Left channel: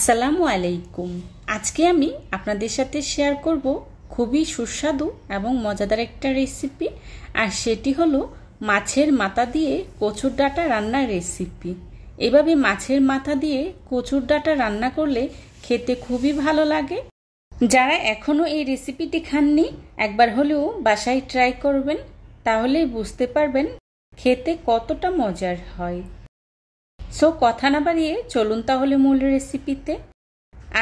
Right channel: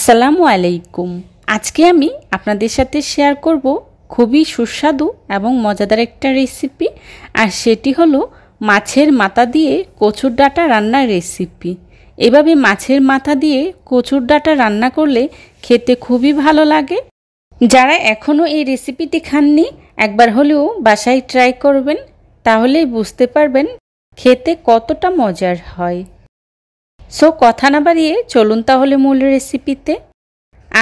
আসসালামু আলাইকুম। আজকে আমি আপনাদের সাথে শেয়ার করব খুবই সুস্বাদু এবং মজাদার একটা রেসিপি, আর সেটি হলো মাছের মাথা দিয়ে কচুর ডাঁটা রান্নার রেসিপি। এভাবে মাছের মাথা দিয়ে কচুর ডাঁটা রান্না করলে খেতে খুবই ভালো লাগে। যারা এখনও এই রেসিপিটি খাননি, একবার হলেও বাসায় ট্রাই করবেন, তাহলেই বুঝতে পারবেন খেতে কতটা মজার হয়। সো কথা না বাড়িয়ে চলুন তাহলে মূল রেসিপিতে।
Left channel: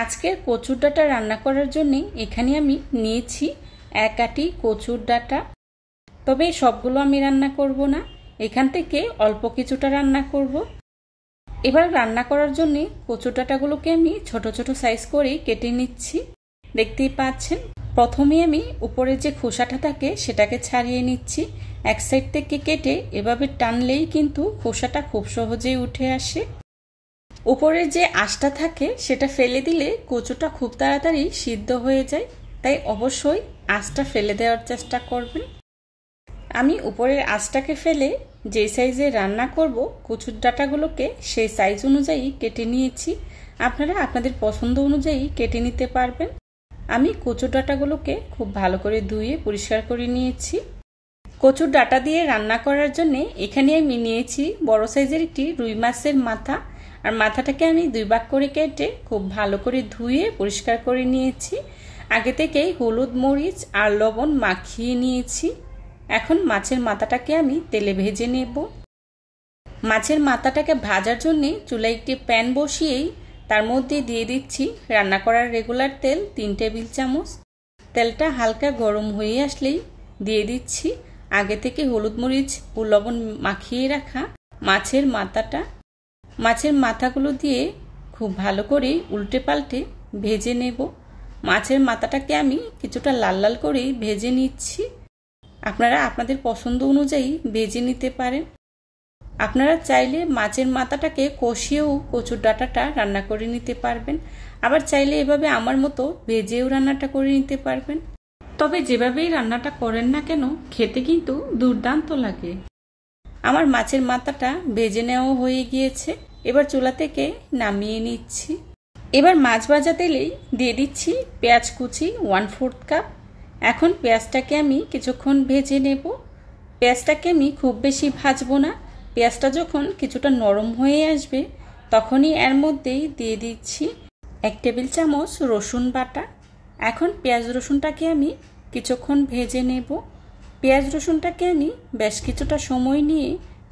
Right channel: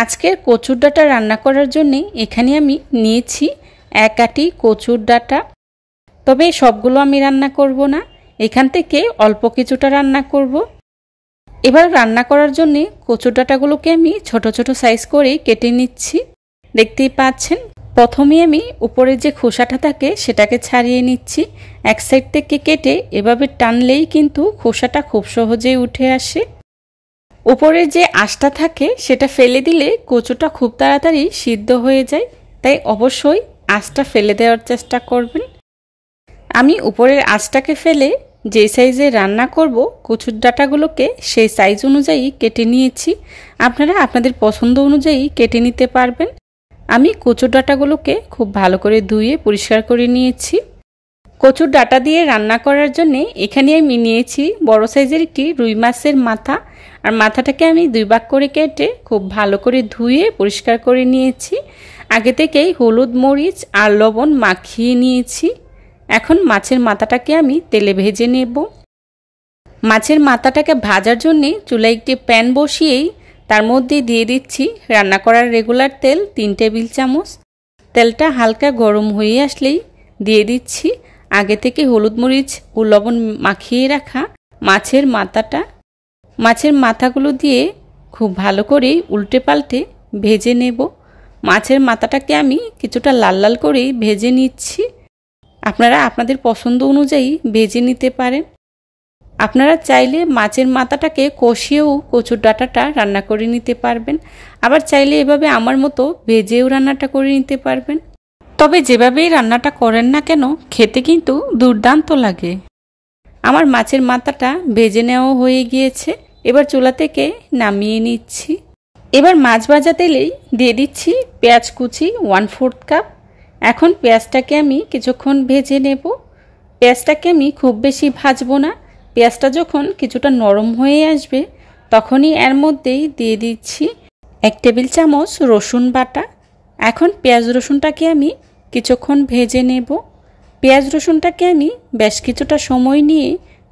আজকের কচুর ডাঁটা রান্না করার জন্য এখানে আমি নিয়েছি 1 আটি কচুর ডাঁটা। তবে সবগুলো আমি রান্না করব না, এখান থেকে অল্প কিছুটা রান্না করব। এবার রান্না করার জন্য কচুর ডাঁটাগুলোকে আমি ছোট ছোট সাইজ করে কেটে নিচ্ছি। দেখতেই পাচ্ছেন, প্রথমে আমি উপরে যে খোসাটা থাকে সেটাকে ছাড়িয়ে নিচ্ছি। এক সাইড থেকে কেটে এভাবে টানলেই কিন্তু খোসাটা খুব সহজেই উঠে আসে। উপরে যে আঁশটা থাকে সেটা ফেলে দিলে কচুটা খুব তাড়াতাড়ি সিদ্ধ হয়ে যায়, তাই অবশ্যই আঁশটা ফেলে দেওয়ার চেষ্টা করবেন। আমি উপরের আঁশটাকে ফেলে যে সাইজে রান্না করব কচুর ডাঁটাগুলোকে সেই সাইজ অনুযায়ী কেটে নিয়েছি। আপনারা আপনাদের পছন্দ অনুযায়ী কেটে নিতে পারবেন। আমি কচুর ডাঁটাগুলোকে খুব ভালো করে ধুয়ে পরিষ্কার করে নিয়েছি। কচুর ডাঁটা দিয়ে রান্না করার জন্য এখানে আমি নিয়েছি বড় সাইজের একটি রুই মাছের মাথা, আর মাথাটাকে আমি 2 ভাগ করে কেটে খুব ভালো করে ধুয়ে পরিষ্কার করে নিয়েছি। আগে থেকেই হলুদ, মরিচ আর লবণ মাখিয়ে নিয়েছি। এখন মাছের মাথাটাকে আমি তেলে ভেজে নেব। মাছের মাথাটাকে ভাজার জন্য চুলায় একটি প্যান বসিয়েই তার মধ্যে দিয়ে দিচ্ছি রান্না করার রেগুলার তেল 3 টেবিল চামচ। তেলটা হালকা গরম হয়ে আসলেই দিয়ে দিচ্ছি আগে থেকে হলুদ, মরিচ ও লবণ মাখিয়ে রাখা মাছের মাথাটা। মাছের মাথাগুলো দিয়ে খুব ভালো করে উল্টে পাল্টে ভেজে নেব। মাছের মাথাটাকে আমি কিছুটা লাল লাল করেই ভেজে নিচ্ছি। আপনারা আপনাদের পছন্দ অনুযায়ী ভেজে নিতে পারেন। আপনারা চাইলে মাছের মাথাটাকে কষিয়েও কচুর ডাঁটাটা রান্না করে নিতে পারবেন, আবার চাইলে এভাবে আমার মতো ভেজেও রান্নাটা করে নিতে পারবেন। তবে যেভাবেই রান্নাটা করেন না কেন খেতে কিন্তু দুর্দান্ত লাগে। আমার মাছের মাথাটা ভেজে নেওয়া হয়ে গিয়েছে, এবার চুলা থেকে নামিয়ে নিচ্ছি। এবার মাছ ভাজা তেলেই দিয়ে দিচ্ছি পেঁয়াজ কুচি 1/4 কাপ। এখন পেঁয়াজটাকে আমি কিছুক্ষণ ভেজে নেব। পেঁয়াজটাকে আমি খুব বেশি ভাজবো না। পেঁয়াজটা যখন কিছুটা নরম হয়ে আসবে তখনই এর মধ্যেই দিয়ে দিচ্ছি 1 টেবিল চামচ রসুন বাটা। এখন পেঁয়াজ রসুনটাকে আমি কিছুক্ষণ ভেজে নেব। পেঁয়াজ রসুনটাকে আমি বেশ কিছুটা সময় নিয়ে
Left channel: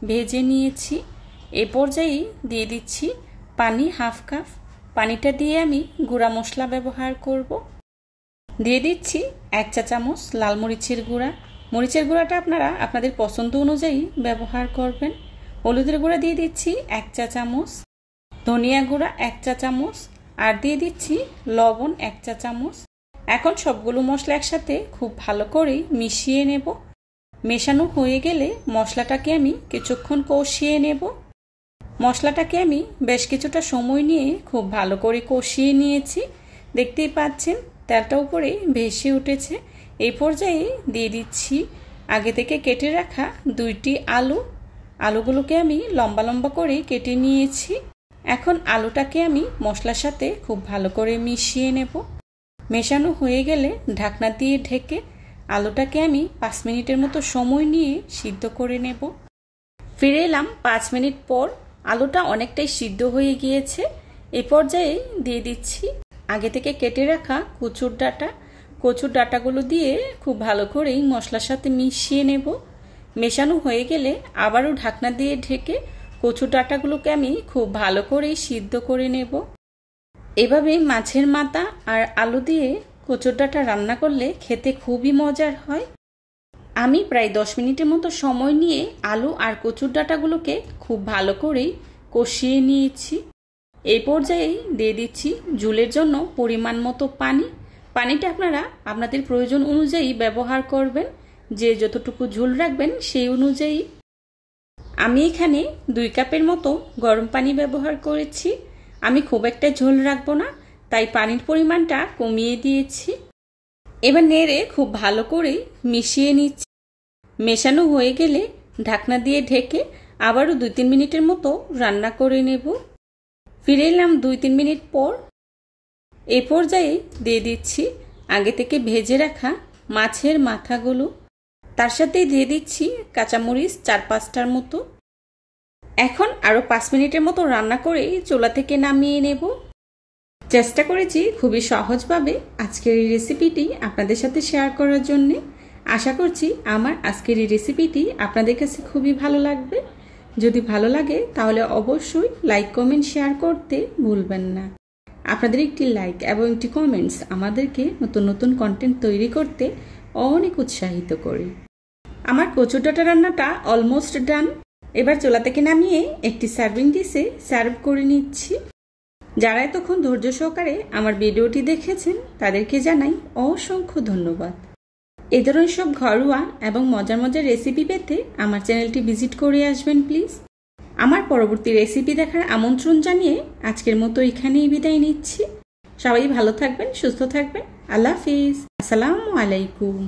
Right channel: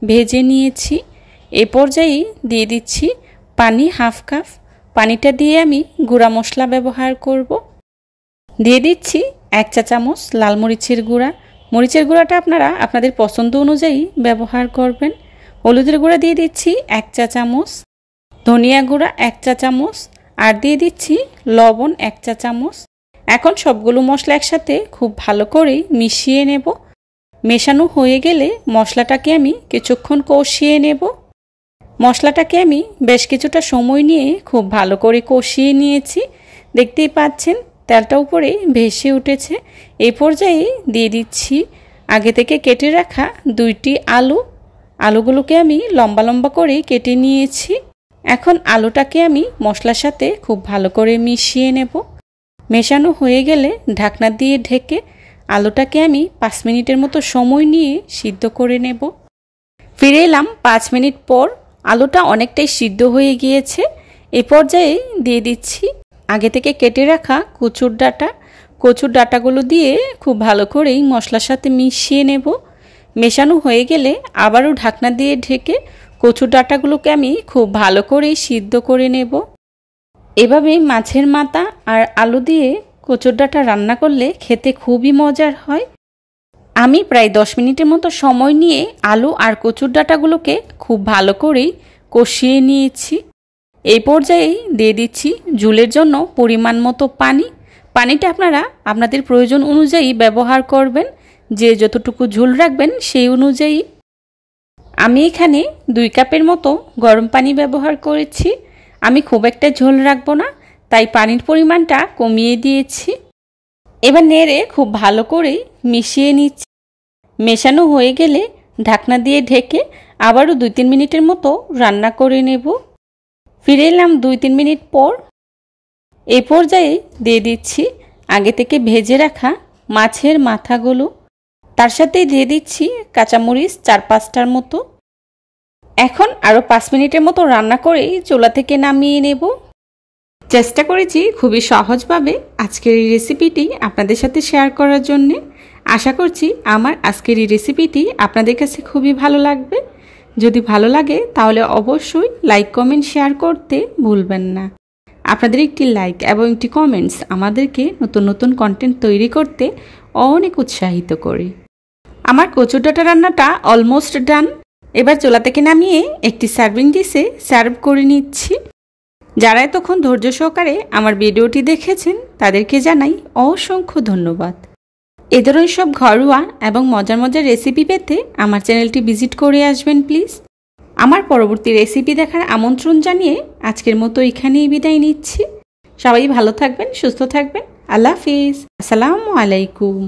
ভেজে নিয়েছি। এ পর্যায়ে দিয়ে দিচ্ছি পানি 1/2 কাপ। পানিটা দিয়ে আমি গুঁড়া মশলা ব্যবহার করব। দিয়ে দিচ্ছি 1 চা চামচ লাল মরিচের গুঁড়া। মরিচের গুঁড়াটা আপনারা আপনাদের পছন্দ অনুযায়ী ব্যবহার করবেন। হলুদের গুঁড়া দিয়ে দিচ্ছি 1 চা চামচ, ধনিয়া গুঁড়া 1 চা চামচ, আর দিয়ে দিচ্ছি লবণ 1 চা চামচ। এখন সবগুলো মশলা একসাথে খুব ভালো করে মিশিয়ে নেব। মেশানো হয়ে গেলে মশলাটাকে আমি কিছুক্ষণ কষিয়ে নেব। মশলাটাকে আমি বেশ কিছুটা সময় নিয়ে খুব ভালো করে কষিয়ে নিয়েছি। দেখতেই পাচ্ছেন তেলটা উপরে ভেসে উঠেছে। এই পর্যায়ে দিয়ে দিচ্ছি আগে থেকে কেটে রাখা 2টি আলু। আলুগুলোকে আমি লম্বা লম্বা করে কেটে নিয়েছি। এখন আলুটাকে আমি মশলার সাথে খুব ভালো করে মিশিয়ে নেব। মেশানো হয়ে গেলে ঢাকনা দিয়ে ঢেকে আলুটাকে আমি 5 মিনিটের মতো সময় নিয়ে সিদ্ধ করে নেব। ফিরে এলাম 5 মিনিট পর। আলুটা অনেকটাই সিদ্ধ হয়ে গিয়েছে। এ পর্যায়ে দিয়ে দিচ্ছি আগে থেকে কেটে রাখা কচুর ডাঁটা। কচুর ডাঁটাগুলো দিয়ে খুব ভালো করেই মশলার সাথে মিশিয়ে নেব। মেশানো হয়ে গেলে আবারও ঢাকনা দিয়ে ঢেকে কচুর ডাঁটাগুলোকে আমি খুব ভালো করেই সিদ্ধ করে নেব। এভাবে মাছের মাথা আর আলু দিয়ে কচুর ডাঁটা রান্না করলে খেতে খুবই মজার হয়। আমি প্রায় 10 মিনিটের মতো সময় নিয়ে আলু আর কচুর ডাঁটাগুলোকে খুব ভালো করেই কষিয়ে নিয়েছি। এই পর্যায়েই দিয়ে দিচ্ছি ঝোলের জন্য পরিমাণ মতো পানি। পানিটা আপনারা আপনাদের প্রয়োজন অনুযায়ী ব্যবহার করবেন, যে যতটুকু ঝোল রাখবেন সেই অনুযায়ী। আমি এখানে 2 কাপের মতো গরম পানি ব্যবহার করেছি। আমি খুব একটা ঝোল রাখবো না, তাই পানির পরিমাণটা কমিয়ে দিয়েছি। এবার নেড়ে খুব ভালো করে মিশিয়ে নিচ্ছি। মেশানো হয়ে গেলে ঢাকনা দিয়ে ঢেকে আবারও 2-3 মিনিটের মতো রান্না করে নেব। ফিরে এলাম 2-3 মিনিট পর। এই পর্যায়ে দিয়ে দিচ্ছি আগে থেকে ভেজে রাখা মাছের মাথাগুলো। তার সাথেই দিয়ে দিচ্ছি কাঁচামরিচ 4-5টার মতো। এখন আরও 5 মিনিটের মতো রান্না করেই চুলা থেকে নামিয়ে নেব। চেষ্টা করেছি খুবই সহজভাবে আজকের এই রেসিপিটি আপনাদের সাথে শেয়ার করার জন্যে। আশা করছি আমার আজকের এই রেসিপিটি আপনাদের কাছে খুবই ভালো লাগবে। যদি ভালো লাগে তাহলে অবশ্যই লাইক, কমেন্ট, শেয়ার করতে ভুলবেন না। আপনাদের একটি লাইক এবং একটি কমেন্টস আমাদেরকে নতুন নতুন কন্টেন্ট তৈরি করতে অনেক উৎসাহিত করে। আমার কচুর ডাঁটা রান্নাটা অলমোস্ট ডান। এবার চুলা থেকে নামিয়ে একটি সার্ভিং ডিশে সার্ভ করে নিচ্ছি। যারা এতক্ষণ ধৈর্য সহকারে আমার ভিডিওটি দেখেছেন তাদেরকে জানাই অসংখ্য ধন্যবাদ। এ ধরনের সব ঘরোয়া এবং মজার মজার রেসিপি পেতে আমার চ্যানেলটি ভিজিট করে আসবেন প্লিজ। আমার পরবর্তী রেসিপি দেখার আমন্ত্রণ জানিয়ে আজকের মতো এখানেই বিদায় নিচ্ছি। সবাই ভালো থাকবেন, সুস্থ থাকবেন। আল্লাহ হাফিজ। আসসালামু আলাইকুম।